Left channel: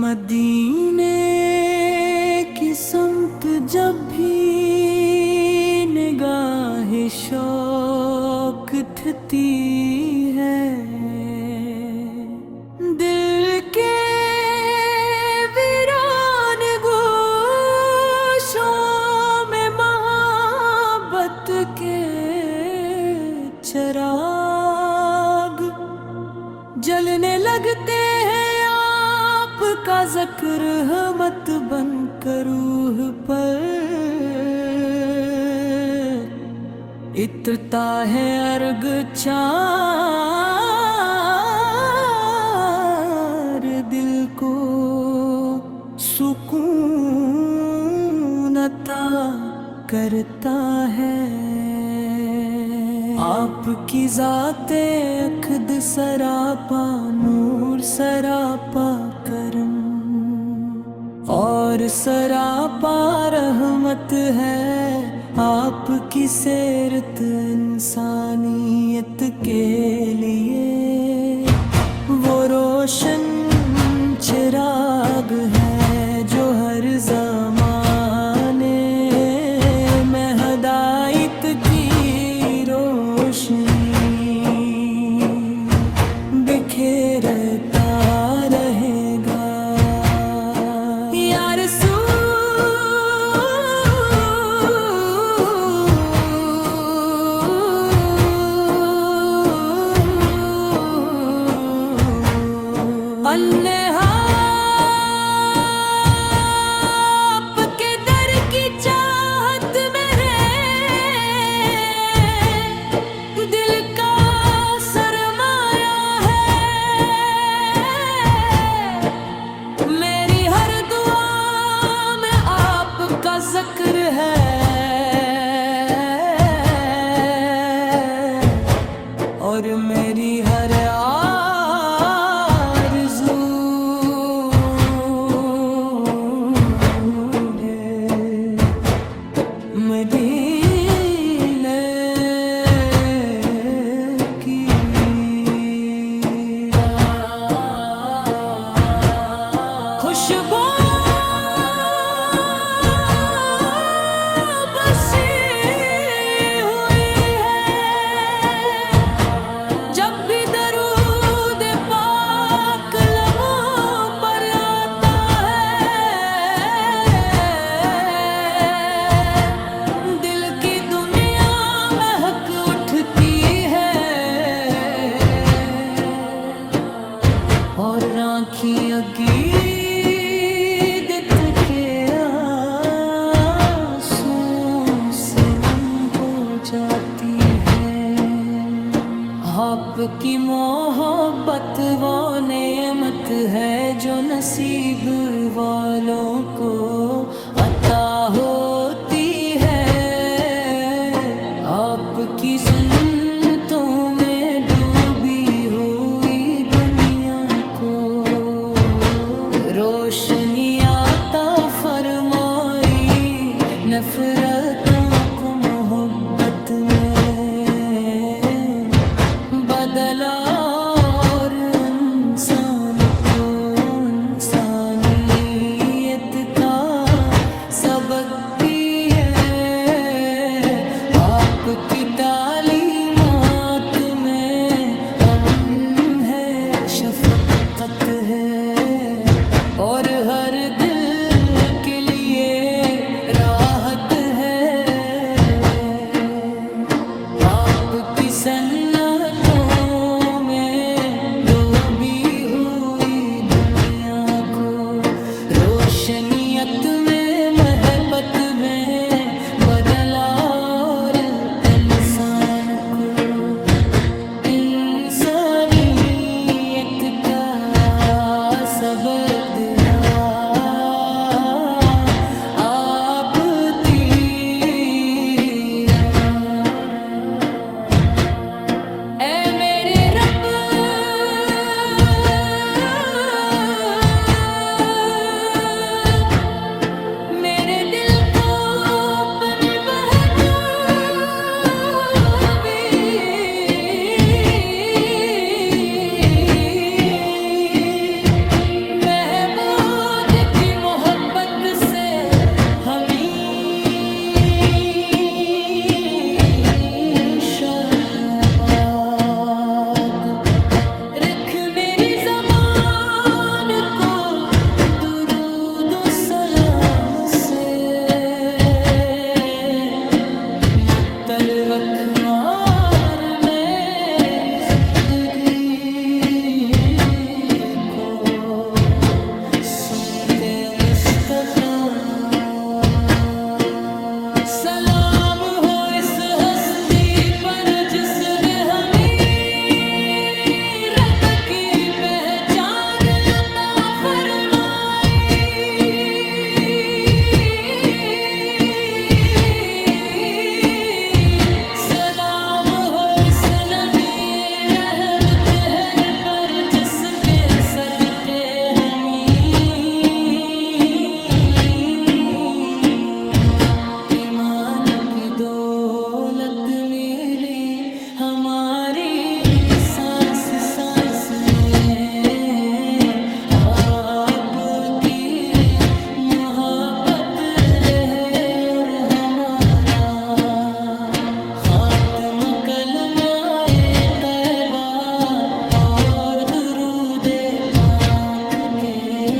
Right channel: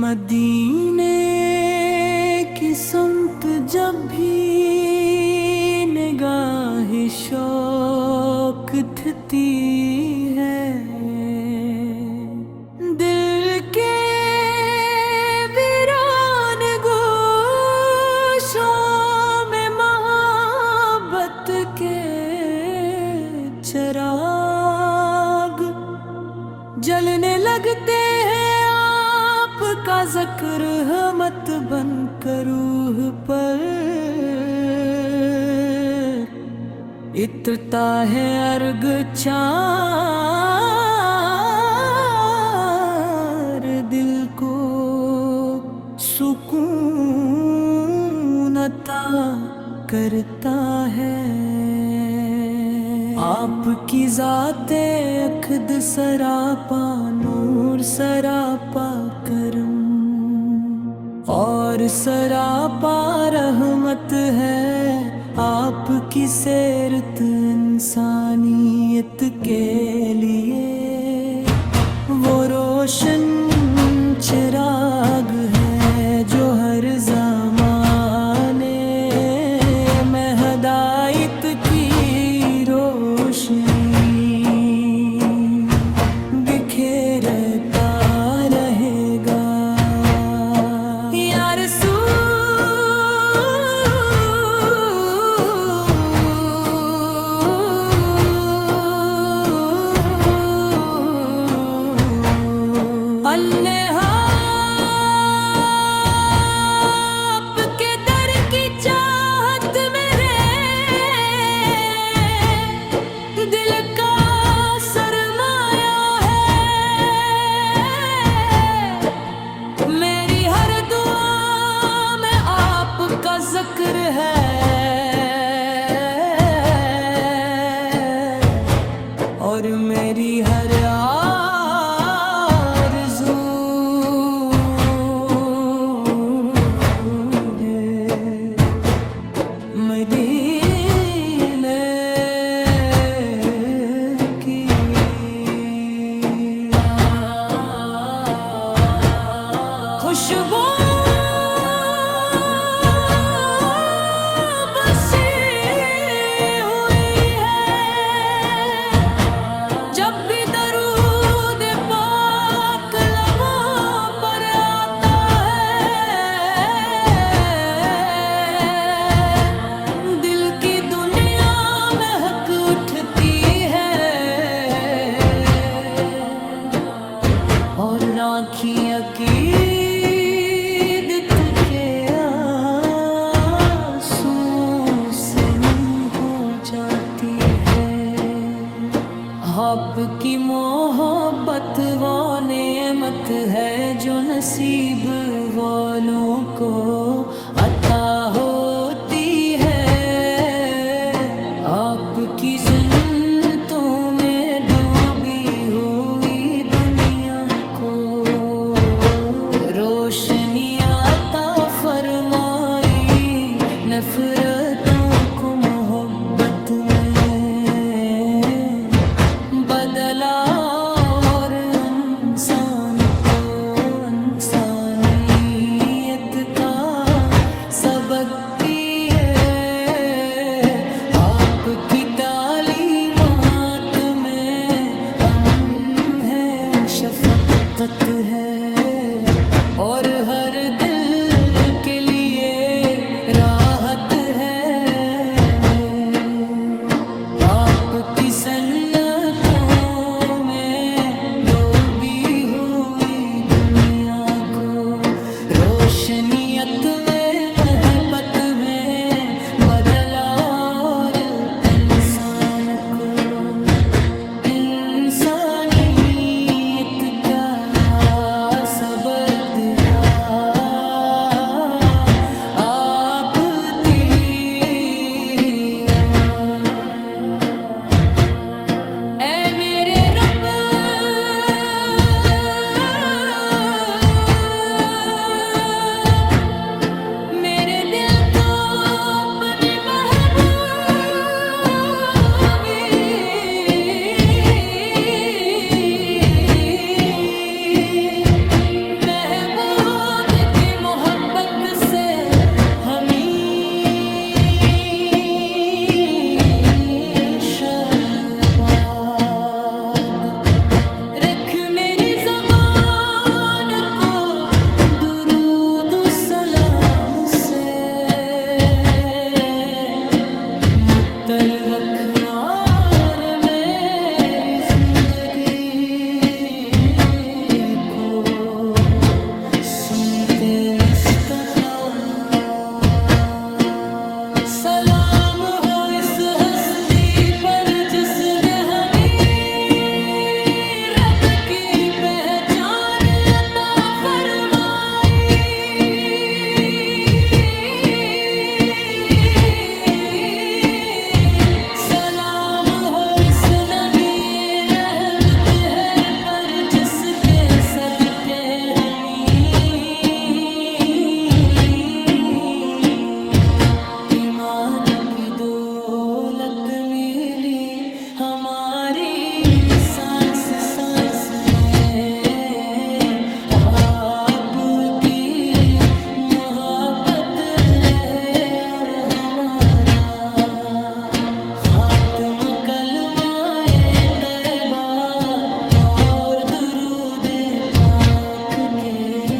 مدینے کی سمت جب بھی نگاہ شوق اٹھتی ہے، دل کے ویران گوشوں میں محبت کے چراغ جلنے لگتے ہیں۔ آپ کا ذکر مت بن کر روح پر اترتا ہے ارگ چار، دل کو سکون عطا کرتا ہے۔ آپ کی ذات اقد سراپا نور، سراپا کرم اور سراپا رحمت ہے۔ آپ کی سیرت انسانیت کے لیے وہ روشن چراغ ہے جو ہر زمانے میں ہدایت کی روشنی بکھیرتا رہے گا۔ یا رسول اللہ، آپ کے در کی چاہت میرے دل کا سرمایہ ہے۔ میری ہر دعا میں آپ کا ذکر ہے اور میری ہر آرزو ہے مدینے کی۔ خوشبو بسی ہوئی ہے جب بھی درود پاک لبوں پر آتا ہے، دل کی دنیا مہک اٹھتی ہے اور آنکھیں عقیدت کے آنسوں سے نم ہو جاتی ہے۔ آپ کی محبت وہ نعمت ہے جو نصیب والوں کو عطا ہوتی ہے۔ آپ کی جنتوں میں ڈوبی ہوئی دنیا کو روشنی عطا فرمائی، نفرتوں کو محبت میں بدلا اور انسان کو انسانیت کا سبق دیے۔ آپ کی تعلیمات میں امن ہے، شفقت ہے اور ہر دل کے لیے راحت ہے۔ آپ کی سنتوں میں ڈوبی ہوئی دنیا کو روشنیت میں محبت میں بدلا اور انسان کو انسانیت کا سبق دیا۔ آپ اے میرے رب، میرے دل کو اپنی محبوبی یاد رکھ میری زبان کو درود و سلام سے متر وکھوار میری زندگی کو سنتے مصطفیٰ سلام ہو اس ہستی پر جس نے ہمیں رب کی پہچان عطا فرمائی سلام ہو اس نبی رحمت ہے پر جس کے صدقے ہمیں ایمان کی دولت ملی ہماری سانس سانس میں آپ کی محبت رہے اور ہمارا خاتمہ کلمہ طیبہ اور درود پاک کے